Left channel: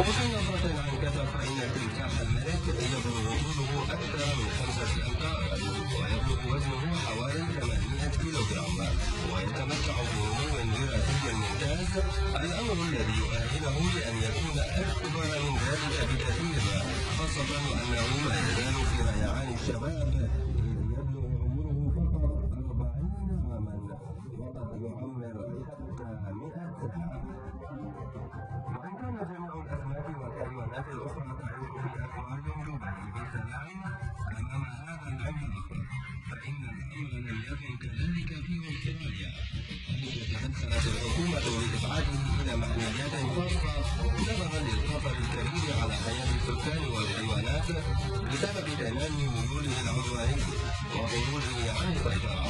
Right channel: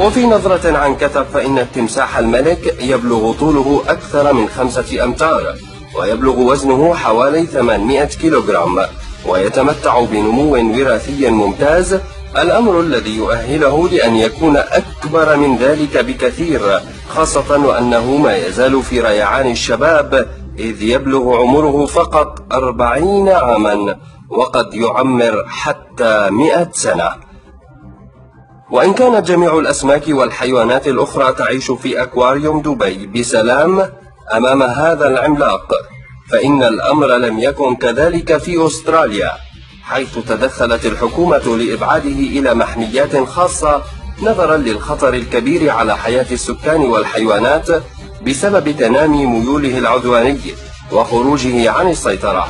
وفي نظرة عن كتب فإن التمساح الملك يبلغ طوله أكثر من 5 أمتار، ويبلغ وزنه حوالي 800 كيلوغرام، ويتمتع بنمو وراثي ممتاز، الأمر الذي يؤهله لأن يكون أكبر من ذلك بكثير، خاصة وأنه ما يزال في ريعان الشباب، إذ يبلغ عمره فقط 40 عاما، وقد يعمر حتى 100 سنة. وإن كانت جميع الأسماك والحيوانات الأخرى تعيش في أكواريوم دبي بسلام أمام هذا العملاق، فإن الأمر لم يكن كذلك في أستراليا، حيث تدخلت الحكومة لإبعاده إلى محميات خاصة نظرا للخطر الكبير على حياة السكان والحيوانات بسبب تنامي ميوله العدواني وخروجه عن السيطرة.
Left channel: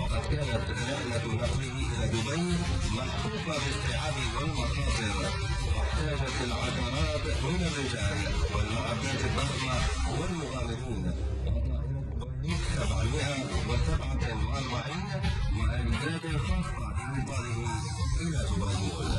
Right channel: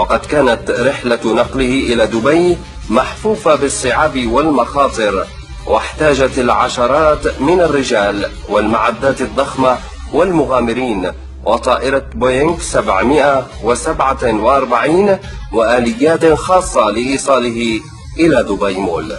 وقد كانت رحلة نقله إلى دبي محفوفة بالصعاب والمخاطر، واحتاجت العشرات من الرجال والمعدات الضخمة والمغامرين وطائرة بوينغ 747 وآليات خاصة لإيصاله إلى دبي مول.